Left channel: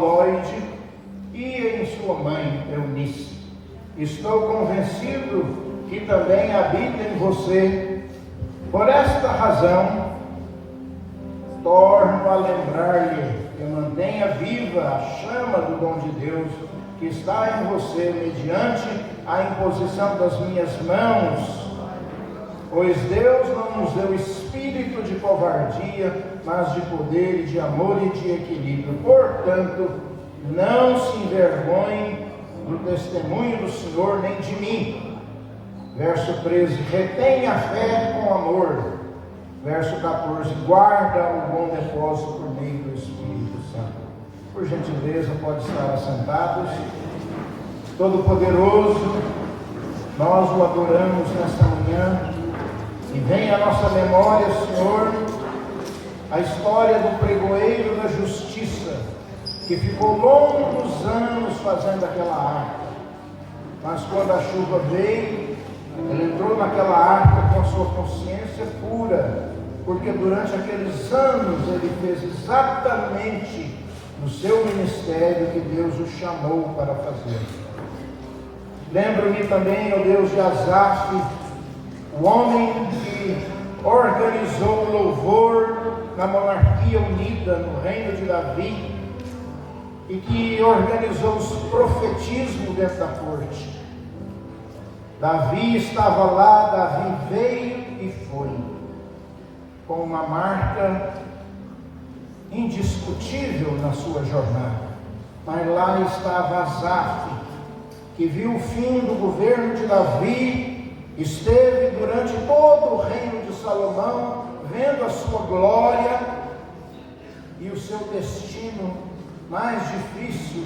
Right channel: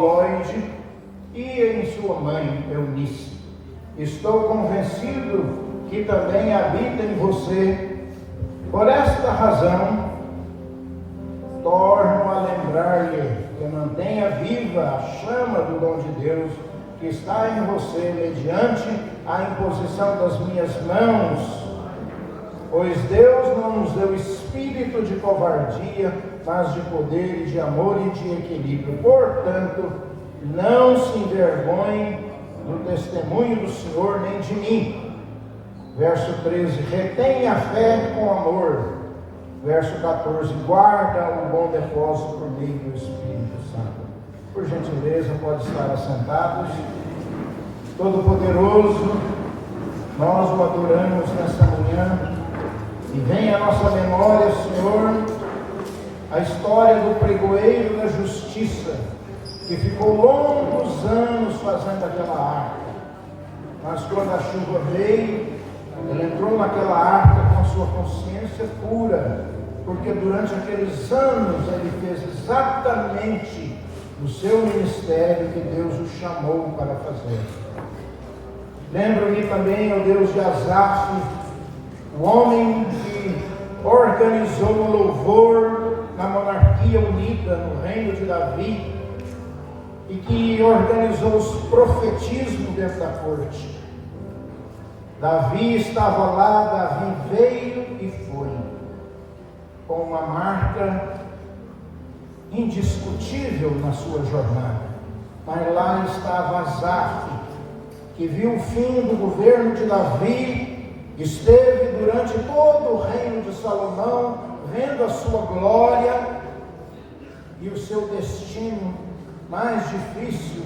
Lloyd e em sua mãe Eunice. Estou convencido que também habita em você. Por esta razão, torno a lembrar-lhe que mantenha viva a chama do dom de Deus que está em você mediante a imposição das minhas mãos. Pois Deus não nos deu espírito de covardia, mas de poder e de amor e de equilíbrio. Portanto, não se envergonhe do testemunho do Senhor nem de mim. Verso 13, retenha a fé com amor. Verso 14, guarda o bom depósito por meio do Espírito Santo. Por gentileza, pode estar assentados. Todo-Poderoso, nós o adoramos nesta manhã. E vem à nossa memória, Senhor, a história do pregoeiro da justiça, que ficou longos anos fazendo aquela arca. Mas quando a chuva veio, ele entrou naquela arca com a sua consciência pura, porque durante aqueles anos ele fez exatamente o seu ministério que Deus o chamou para fazer. Lembro-me também, ó Deus, de Asaf, o homem que organizou o louvor na monarquia unida, no reino de Davi, e que organizou os profetismos dessa corte. Davi estava lá, Davi veio e foi, com uma marca indiscutível na sua jornada. Mas lá estava Asaf, que viu o fim do governo de Davi, esteve durante todo o reino de Salomão, vendo a sua glória e o seu destino mais difícil,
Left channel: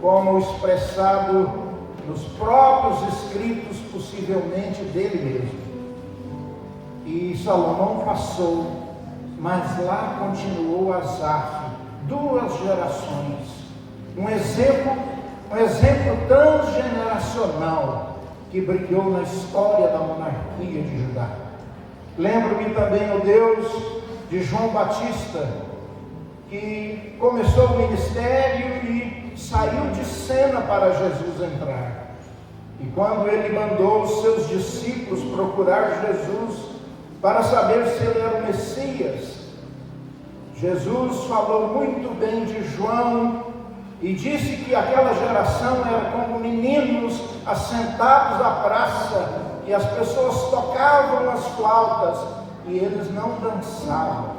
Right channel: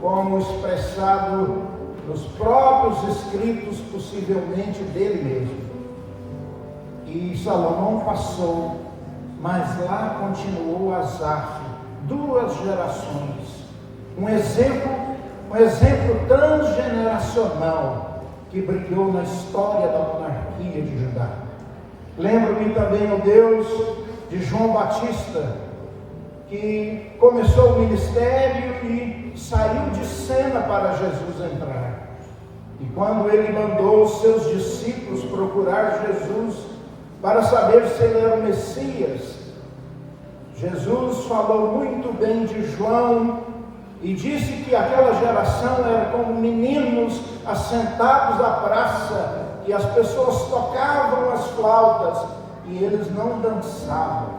como expressado nos próprios escritos, possivelmente dele mesmo. E Salomão passou, mas lá continuou Asaf, 2 gerações, um exemplo transgeneracional que brilhou na história da monarquia de Judá. Lembro-me também, ó Deus, de João Batista, que começou o ministério e saiu de cena para Jesus entrar. E quando ele mandou os seus discípulos procurar Jesus para saber se ele era o Messias, Jesus falou muito bem de João e disse que aquela geração era como meninos assentados à praça, e as pessoas tocavam as flautas e eles não dançavam.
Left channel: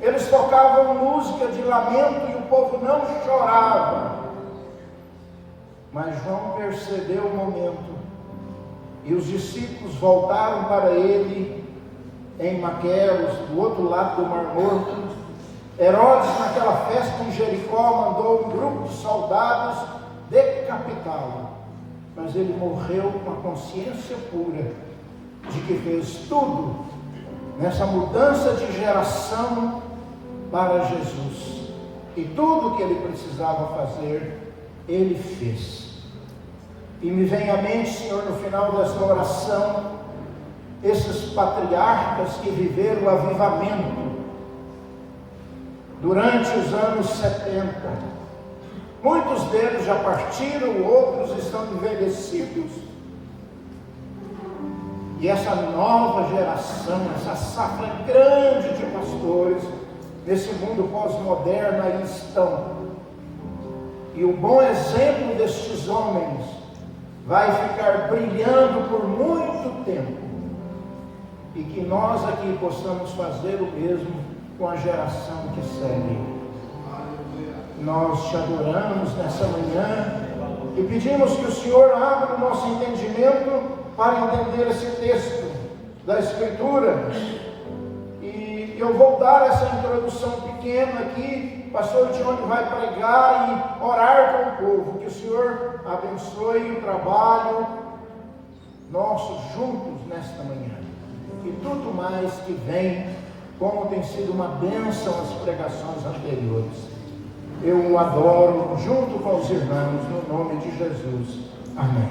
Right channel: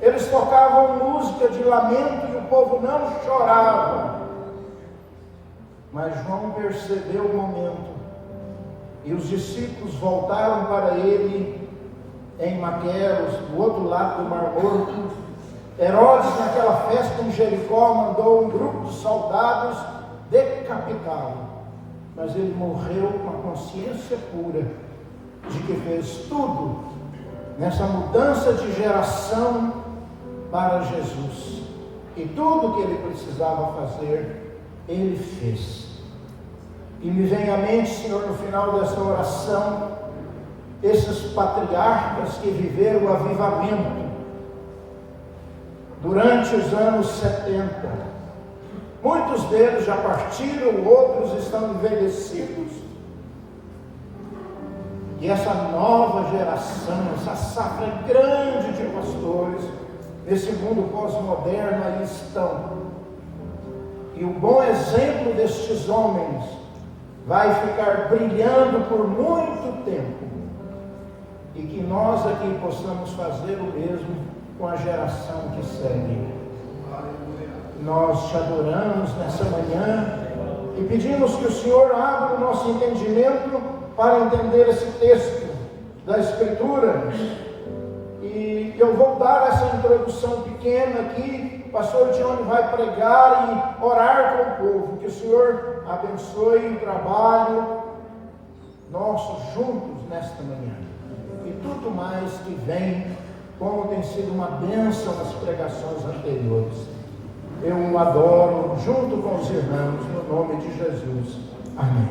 Eles tocavam música de lamento e o povo não chorava. Mas João percebeu o momento e os discípulos voltaram para ele em Maqueros, do outro lado do Mar Morto. Herodes, naquela festa em Jericó, mandou um grupo de soldados decapitá-lo. Mas ele morreu com a consciência pura de que fez tudo nessa mudança de geração para Jesus. E tudo que ele precisava fazer, ele fez. E me vem à mente, Senhor, no final dessa oração, esses patriarcas que viveram o avivamento durante os anos 70. Muitos deles já partiram, outros estão envelhecidos. E essa nova geração, essa safra grande de pastores, nesse mundo pós-moderno aí estão. E o bom exemplo destes homens vai ficar brilhando por muito tempo. E que nós aqui possamos fazer o mesmo com a geração que segue. Nós te adoramos nessa manhã e pedimos que o Senhor abra o nosso entendimento para entender esse texto da Escritura. E eu vou dar essa introdução pequena aqui. O pastor Johnny vai pregar e orar com o povo. Que o Senhor abençoe o trabalho nosso juntos nesta manhã. E tudo mais que vem, como tem sido uma bênção as pregações anteriores. Eu o adoro junto com os irmãos, no nome de Jesus. Amém.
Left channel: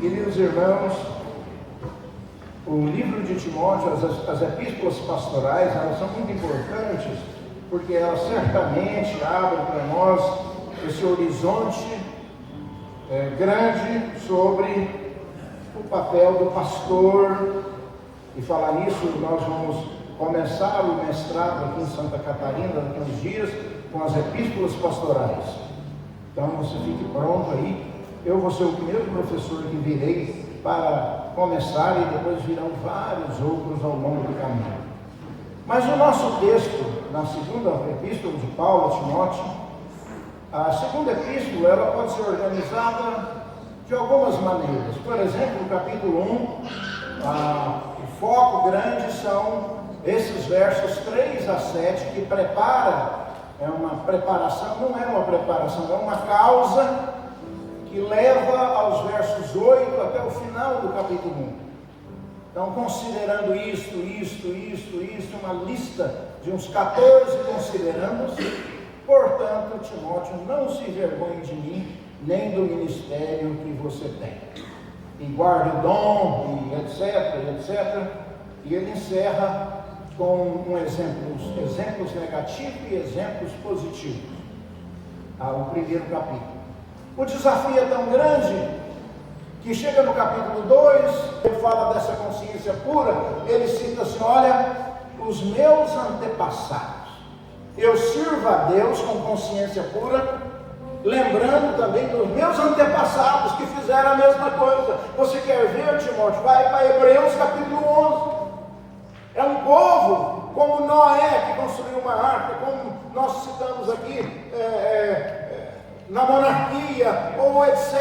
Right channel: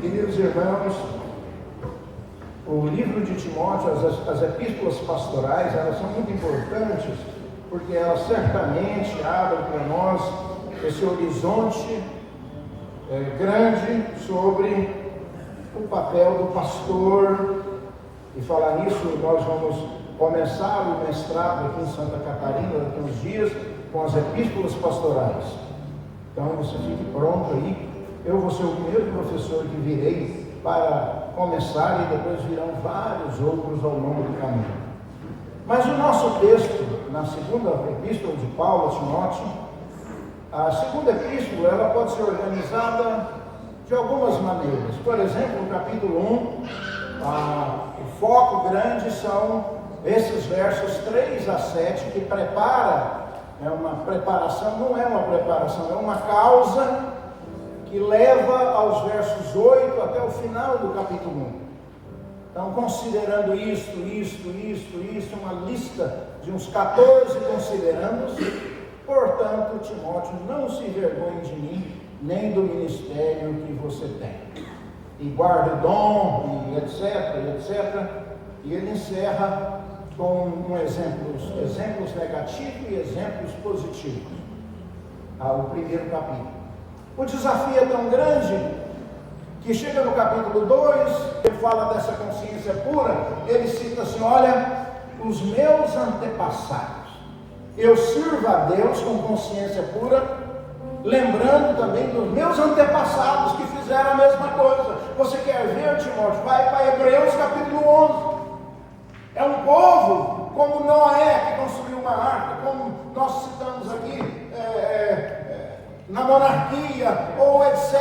Queridos irmãos, o livro de Timóteo, as epístolas pastorais, elas são muito importantes, porque ela certamente abre para nós esse horizonte grande sobre o papel do pastor. E falar nisso, nós vamos começar o mestrado aqui em Santa Catarina daqui a uns dias com as epístolas pastorais. Então você fique pronto aí. Eu vou ser o primeiro professor que virei para começar, e depois virão vários outros ao longo do caminho. Mas o nosso texto, na segunda epístola de Paulo a Timóteo, a segunda epístola, ela pode ser organizada de algumas maneiras. Por exemplo, no capítulo 1, o foco grande são esses versos 3 a 7, que prepara, é uma preparação, não é uma preparação, é uma causa que leva aos versos 8 até o final do capítulo 1. Então, considerando isto, uma lista de uns 14 considerandos, portanto, Timóteo, não se envergonhe de mim, nem do ministério que você tem. E guarda o dom, e etc. E ele encerra com exemplos negativos e exemplos positivos. O primeiro capítulo. O desafio é tão grande que chega no capítulo 2, ele fala dessa consciência pura, ele cita assim: olha, os meus antepassados, eu sirvo a Deus com consciência pura, lembrando também dos meus antepassados que fizeram a mesma coisa. Você quer ver, Timóteo? Vai para Hebreus capítulo 11. É um povo como Noé, que construiu uma arca, como nós citamos aqui, na monarquia, ou etc.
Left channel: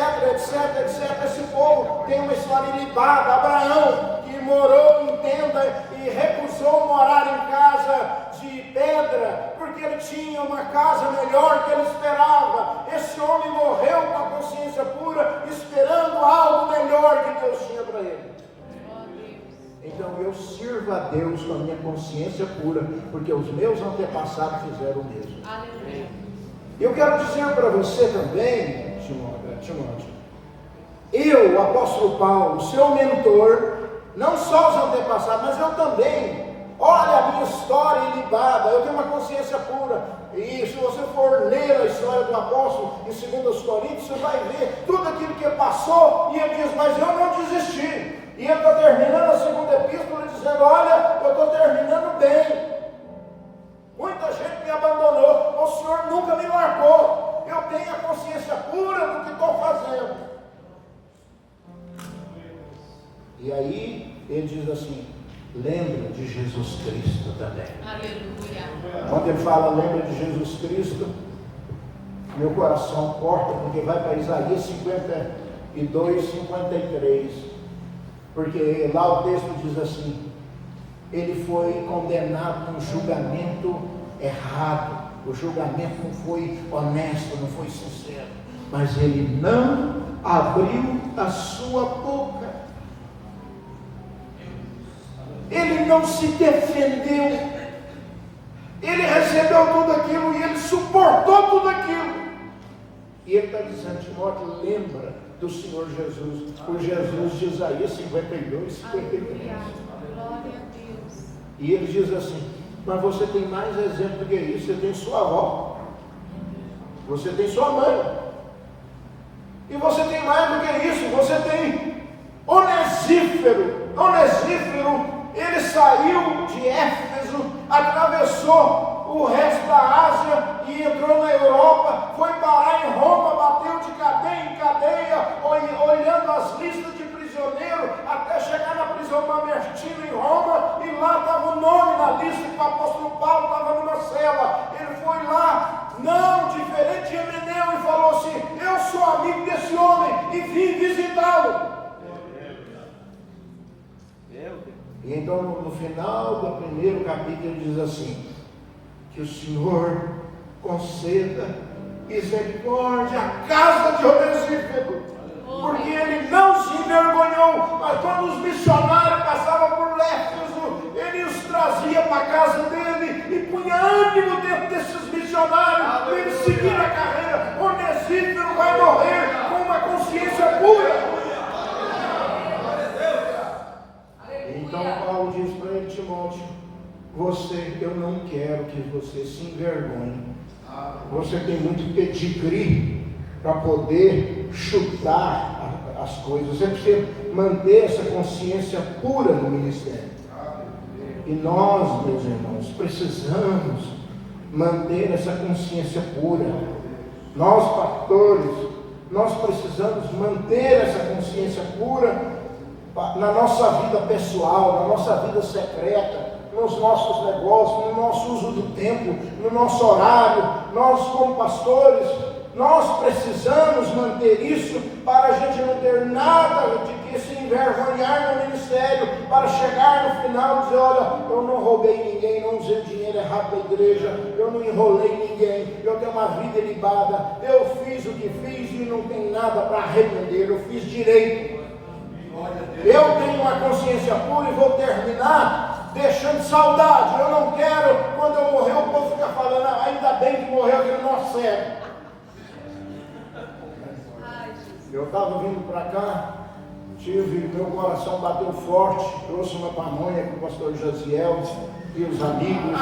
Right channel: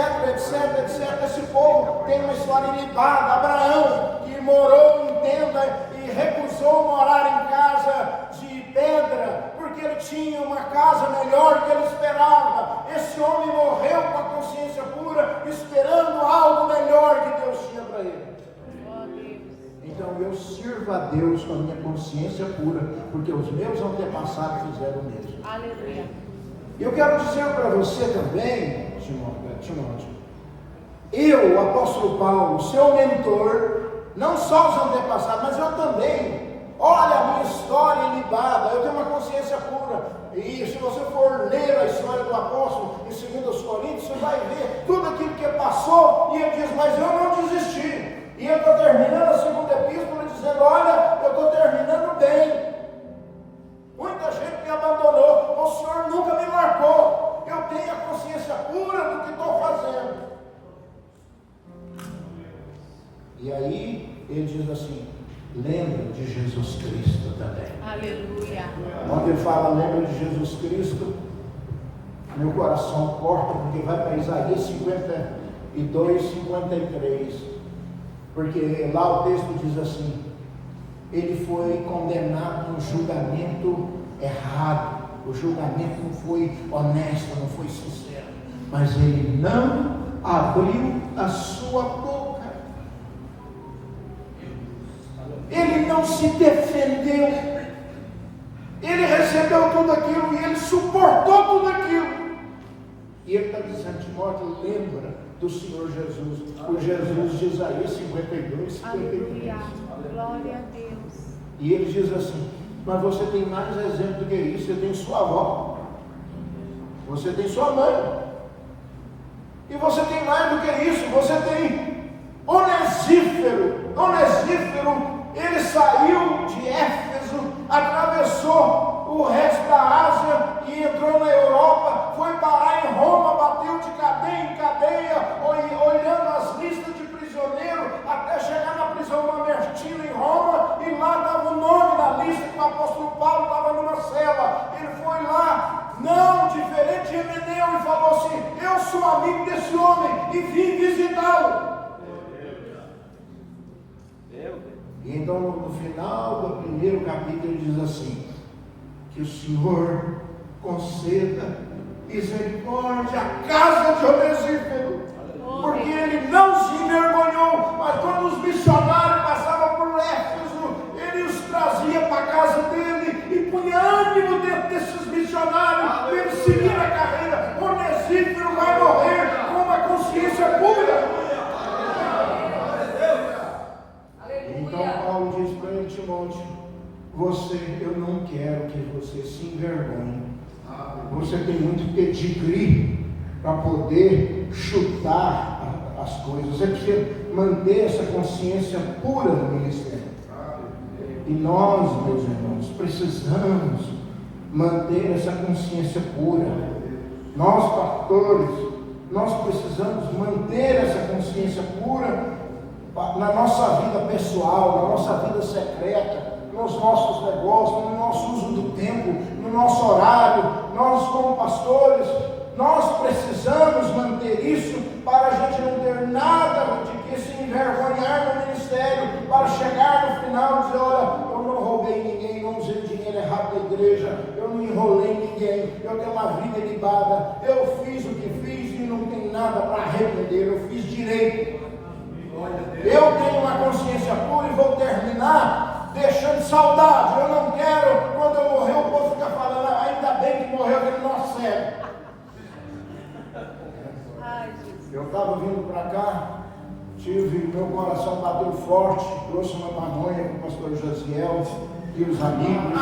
Esse povo tem uma história ilibada. Abraão, que morou em tenda e recusou morar em casa de pedra, porque ele tinha uma casa melhor que ele esperava. Esse homem morreu com a consciência pura, esperando algo melhor que Deus tinha para ele. Então eu sirvo a Deus com a minha consciência pura, porque os meus antepassados fizeram o mesmo. Eu quero dizer para você também, Timóteo, eu, o apóstolo Paulo, seu mentor, não só os antepassados, mas eu também. Olha a minha história ilibada, eu tenho uma consciência pura. E se você for ler a história do apóstolo em 2 Coríntios, você vai ver tudo aquilo que passou, e ele diz: mas eu não desisti. E eu estou terminando a segunda epístola dizendo: olha, eu estou terminando bem. Muita gente me abandonou, o Senhor nunca me marcou. Eu tenho a consciência pura do que estou fazendo. E aí ele diz assim: lembra de Jesus Cristo também. Aleluia. Quando ele fala lembra de Jesus Cristo, meu coração corta, porque vai para Isaías 52, 53. Porque lá o texto diz assim: ele foi condenado no julgamento errado, o julgamento não foi honesto, não foi sincero, mas ele não abriu a sua boca, ele não se defendeu, ele recebeu tudo aquilo e ele suportou tudo aquilo. E ele está dizendo: Timóteo, lembra do Senhor Jesus, o Jesus de Isaías 52, 53. E ele diz assim: mas você tem mais exemplo do que isso. Você tem sua avó, você tem sua mãe, e você tem mais do que isso. Você tem Onesífero. Ele saiu de Éfeso, atravessou o resto da Ásia e entrou na Europa, foi parar em Roma, bateu de cadeia em cadeia, olhando as listas de prisioneiro, até chegar na prisão Mamertino em Roma, e lá estava o nome na lista que o apóstolo Paulo estava numa cela. Ele foi lá, não diferente de Emeneu, e falou assim: eu sou amigo desse homem e vim visitá-lo. E então no final do primeiro capítulo ele diz assim: que o Senhor conceda misericórdia à casa de Onesífero, porque ele não se envergonhou, mas quando os missionários passavam por Éfeso, ele os trazia para a casa dele e punha ânimo dentro desses missionários para eles seguirem a carreira. Onesífero vai morrer com uma consciência pura. Então Paulo diz para ele: Timóteo, eu não quero que que você se envergonhe. Você tem muito pedigree para poder chutar as coisas. Você precisa manter essa consciência pura no ministério. E nós, meus irmãos, precisamos manter essa consciência pura. Nós, pastores, nós precisamos manter essa consciência pura na nossa vida pessoal, na nossa vida secreta, nos nossos negócios, no nosso uso do tempo, no nosso horário. Nós, como pastores, nós precisamos manter isso para a gente não ter nada de que se envergonhar no ministério, para chegar no final e dizer: olha, eu não roubei ninguém, não usei o dinheiro errado da igreja, eu não enrolei ninguém, eu tenho uma vida ilibada, eu fiz o que fiz e não tenho nada para arrepender, eu fiz direito. Eu tenho uma consciência pura e vou terminar deixando saudade. Eu não quero, quando eu morrer, o povo ficar falando: ainda bem que morreu aquele nosso cérebro. Eu estava vindo para cá, meu coração bateu forte, trouxe uma pamonha com o pastor Josiel e os amigos,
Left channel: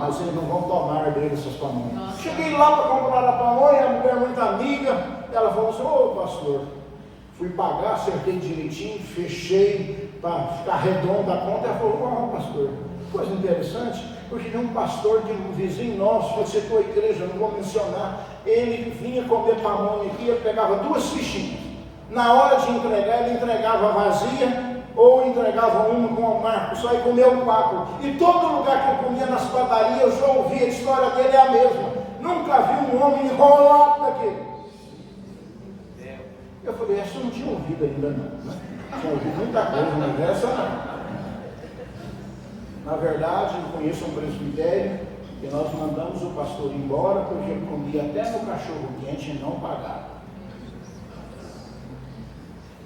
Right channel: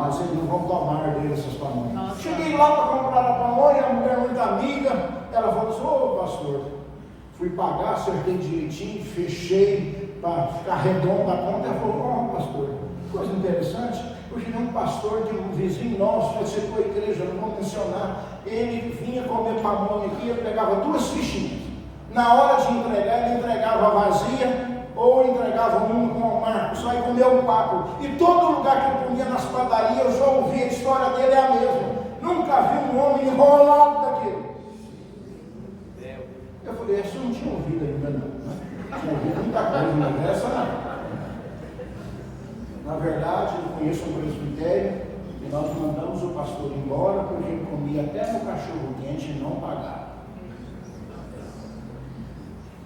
mas eles não vão tomar dele essas pamonhas. Cheguei lá para comprar a pamonha, a mulher muito amiga, ela falou assim: ô pastor, fui pagar, acertei direitinho, fechei para ficar redonda a conta. Ela falou: ó pastor, coisa interessante, porque tem um pastor de um vizinho nosso, eu sei que a igreja, não vou mencionar, ele vinha comer pamonha aqui, ele pegava 2 fichinhas. Na hora de entregar, ele entregava vazia, ou entregava uma com o Marcos, só ia comer 4. E todo lugar que eu comia nas padarias, eu já ouvi, a história dele é a mesma. Nunca vi um homem enrolado daquele. Eu falei: essa eu não tinha ouvido ainda não, né? Tinha ouvido muita coisa, mas essa não. Na verdade, eu conheço um presbitério e nós mandamos o pastor embora porque ele comia até no cachorro quente e não pagava.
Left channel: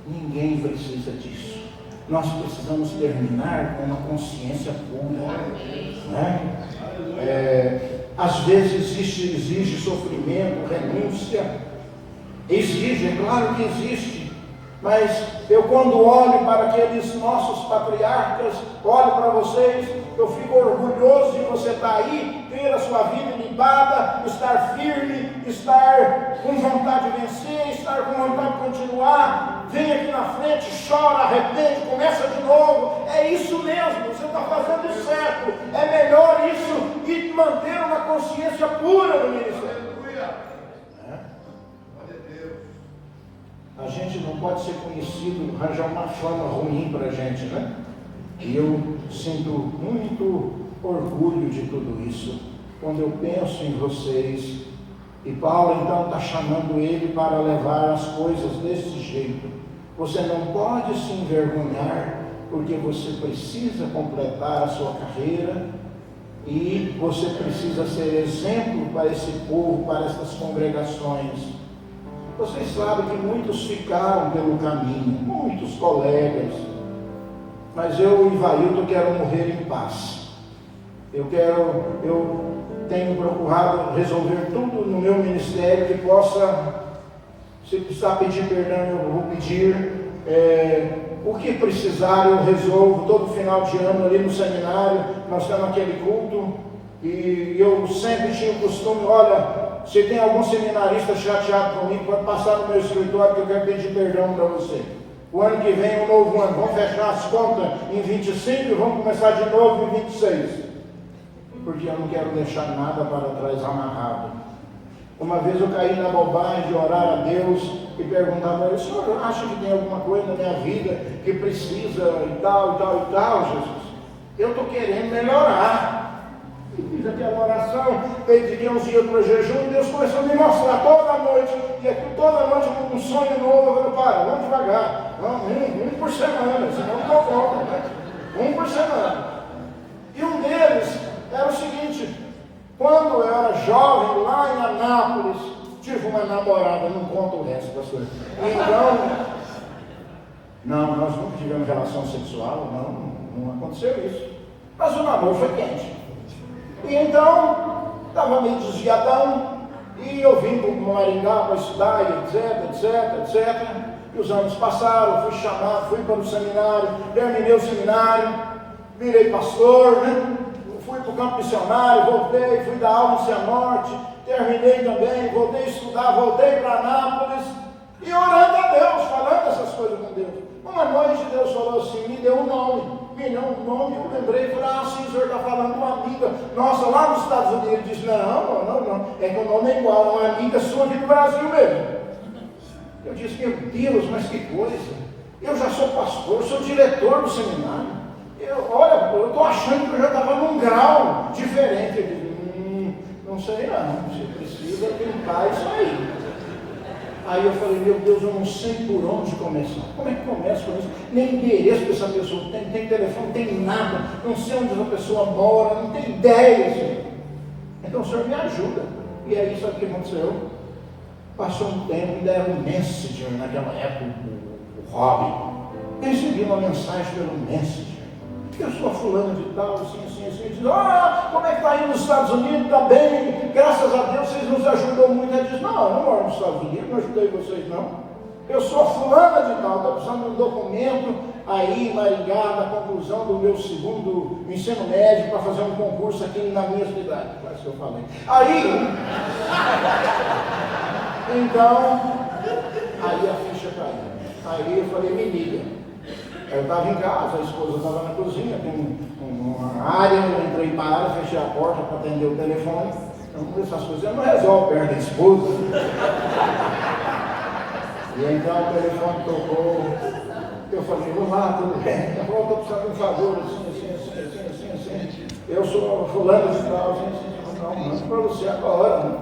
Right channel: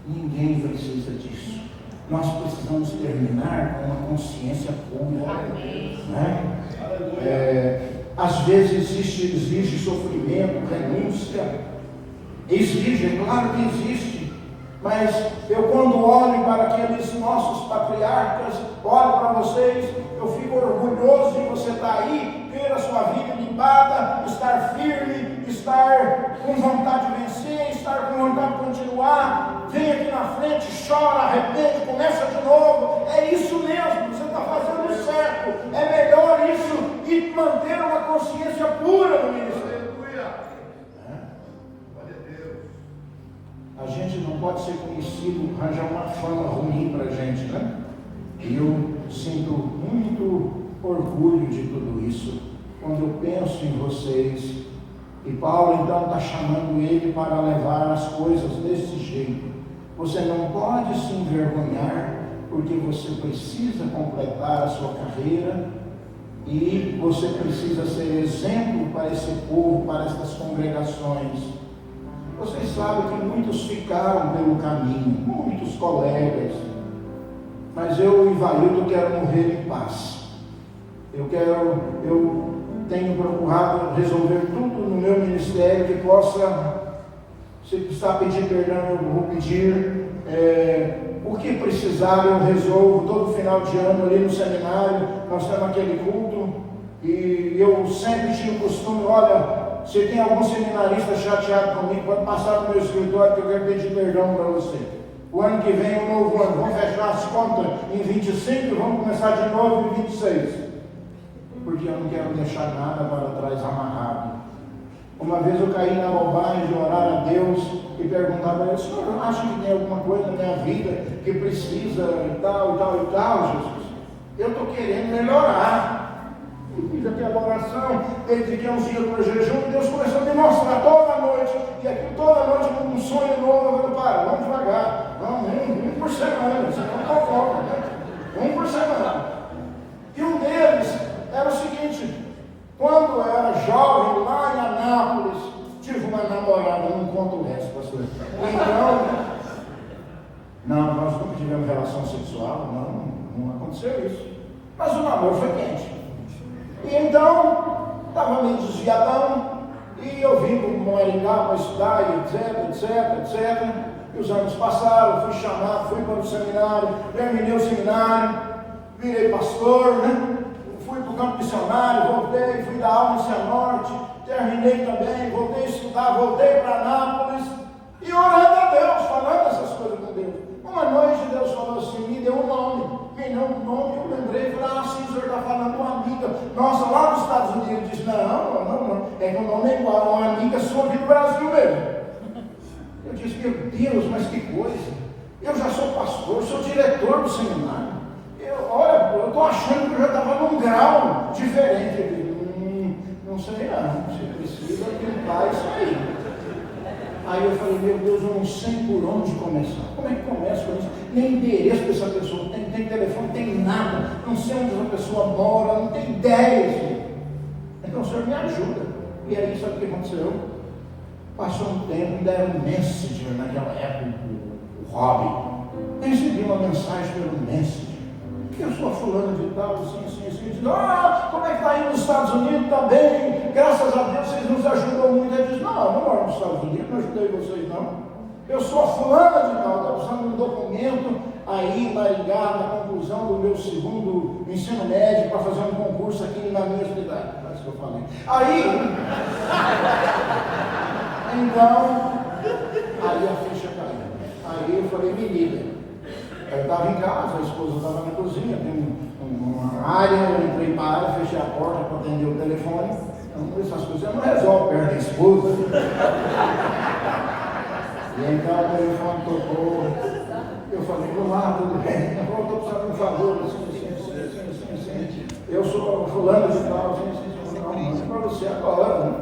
Ninguém precisa disso. Nós precisamos terminar com uma consciência pura, né? Às vezes exige sofrimento, renúncia. Exige, é claro que existe. Mas eu, quando olho para aqueles nossos patriarcas, olho para vocês, eu fico orgulhoso de você estar aí, ter a sua vida limpada, estar firme, estar com vontade de vencer, estar com vontade de continuar. Vem aqui na frente, chora, arrepende, começa de novo. É isso mesmo, você está fazendo certo. É melhor isso e manter uma consciência pura no ministério. A gente não pode ser conhecido, arranjar uma fama ruim para a gente, né? E eu sinto muito orgulho de tudo isso, quando eu penso em vocês. E Paulo então está chamando ele para levar as coisas desse jeito. Você não pode se envergonhar, porque você precisa completar a sua carreira, e você precisa ser exemplo para esse povo, para essas congregações. Vocês sabem que muitos ficaram pelo caminho, muitos colegas, mas eu e Ivaildo quero morrer em paz. Eu tenho procurado resolver tudo no meu ministério que possa, se precisar pedir perdão, eu vou pedir. O que precisar eu resolvo. Todo final de ano ali no seminário, nós temos aquele culto, e eu sempre tinha o costume: olha, se tem algum seminarista chateado comigo, pode passar no meu escritório que eu quero pedir perdão para você. O ano que vem é um novo ano, vamos fechar as contas em 25 e vamos começar de novo em 26. Porque eu não quero deixar nada para trás amarrado. Uma vez eu caí na bobagem de orar a Deus e perguntar para ele: o senhor acha que tem alguma coisa na minha vida que precisa e tal, Jesus? Eu estou querendo melhorar. Fiz aquela oração, dediquei uns dias para o jejum, e Deus começou a me mostrar toda noite, e aqui toda noite com um sonho novo. Eu falei: vamos devagar, um por semana, senão não estou conta, né? Um por semana. E um deles era o seguinte: quando eu era jovem, lá em Anápolis, tive uma namorada, não conto o resto, pastor. Então, não, nós nunca tivemos relação sexual, não aconteceu isso. Mas o namoro foi quente. E então, estava meio desviadão, e eu vim para o Maringá para estudar, etc. E os anos passaram, fui chamado, fui para o seminário, terminei o seminário, virei pastor, né? Fui para o campo missionário, voltei, fui dar aula em Cianorte, terminei também, voltei a estudar, voltei para Anápolis, e orando a Deus, falando essas coisas com Deus. Uma noite Deus falou assim, me deu um nome, eu lembrei, falei, sim, o senhor está falando com uma amiga, nossa, lá nos Estados Unidos. Ele disse, não, é que o nome é igual, uma amiga sua aqui do Brasil mesmo. Eu disse, meu Deus, mas que coisa, eu já sou pastor, sou diretor do seminário, eu estou achando que eu já estava num grau diferente. Ele disse, não sei não, você precisa tentar isso aí. Aí eu falei, meu Deus, eu não sei por onde começar. Como é que começa com isso? Nem endereço que essa pessoa tem, tem telefone, não tem nada, não sei onde essa pessoa mora, não tem ideia. Senhor. Então o senhor me ajuda. E aí, sabe o que aconteceu? Passou um tempo, ainda era um Messenger naquela época, o hobby. Eu recebi uma mensagem pelo Messenger. Eu sou fulano de tal, assim. Diz, como é que está aí nos Estados Unidos? Está bem, graças a Deus vocês nos ajudou muito. Ele diz, não, eu não moro nos Estados Unidos, não ajudei vocês não. Eu sou fulana de tal, estou precisando de um documento aí na conclusão do meu segundo ensino médio para fazer um concurso aqui na minha cidade. Parece que eu falei. Aí a ficha caiu. Aí eu falei, me liga. Eu estava em casa, a esposa estava na cozinha, tem uma área, eu entrei para a área, fechei a porta para atender o telefone. Então, essas coisas não resolve perto da esposa. E então o telefone tocou. Eu falei, olá, tudo bem? Eu estou precisando de um favor, assim. Eu sou fulano de tal, assim, para você agora, né?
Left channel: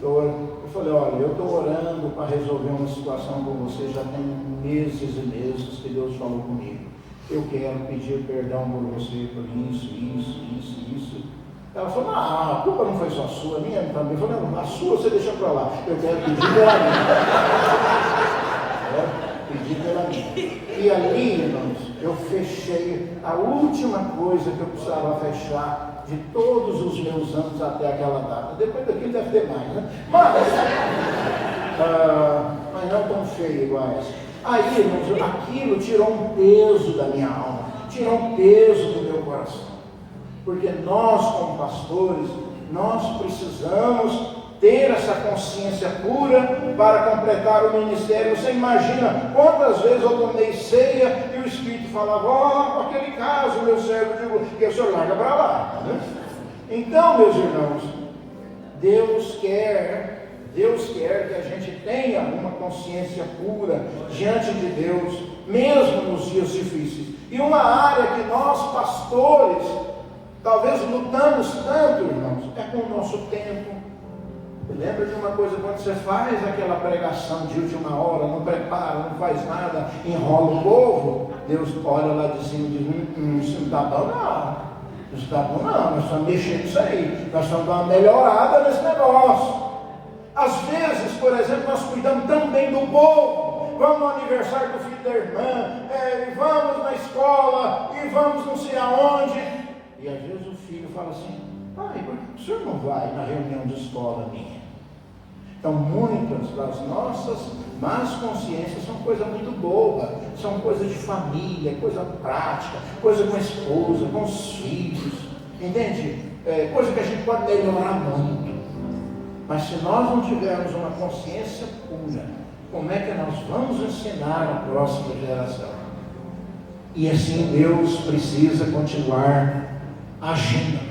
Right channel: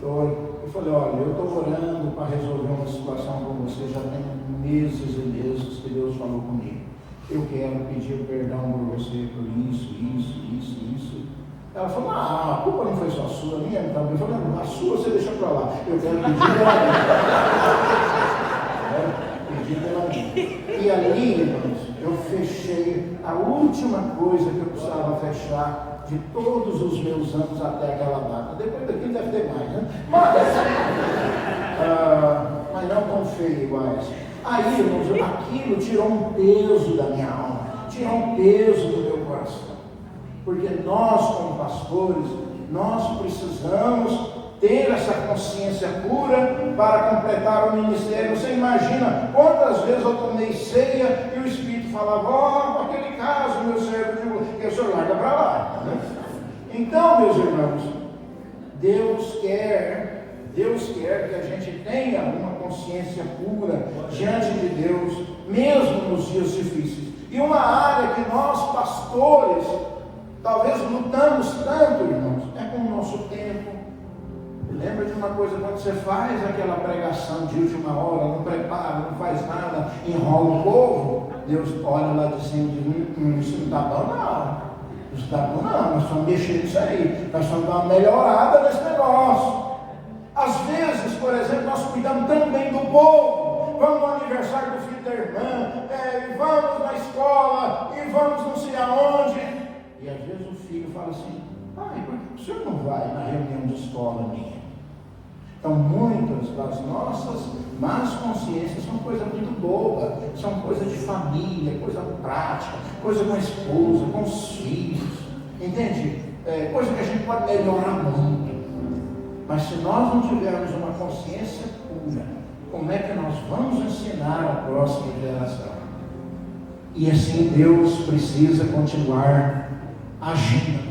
Eu falei, olha, eu estou orando para resolver uma situação com você, já tem meses e meses que Deus falou comigo. Eu quero pedir perdão por você por isso. Ela falou, a culpa não foi só sua, a minha também. Eu falei, não, a sua você deixou para lá. Eu quero pedir pela minha. E ali, irmãos, eu fechei a última coisa que eu precisava fechar de todos os meus anos até aquela data. Depois daqui deve ter mais, né? Mas não tão feio igual essa. Aí, irmãos, aquilo tirou um peso da minha alma, tirou um peso do meu coração. Porque nós, como pastores, nós precisamos ter essa consciência pura para completar o ministério. Você imagina quantas vezes eu tomei ceia e o Espírito falava, aquele caso, meu servo, que o senhor larga para lá. Né? Então, meus irmãos, Deus quer que a gente tenha uma consciência pura diante de Deus, mesmo nos dias difíceis. E uma área que nós, pastores, talvez lutamos tanto, irmãos, é com o nosso tempo. Lembra de uma coisa, quando você faz aquela pregação de última hora, não prepara, não faz nada, enrola o povo, Deus olha lá de cima e diz, isso não está bom não, isso está bom não, nós vamos mexer nisso aí, nós vamos dar uma melhorada nesse negócio. Às vezes, por exemplo, nós cuidamos tão bem do povo, vamos no aniversário do filho da irmã, e vamos na escola, e vamos não sei aonde, e às vezes o filho fala assim, pai, por que o senhor não vai na reunião de escola minha? Então, muitas das nossas más consciências são coisa muito boa, são coisas de família, coisa prática, coisa com a esposa, com os filhos, entende? Coisa que a gente pode melhorar muito. Mas se nós não tivermos uma consciência pura, como é que nós vamos ensinar a próxima geração? E assim Deus precisa continuar agindo.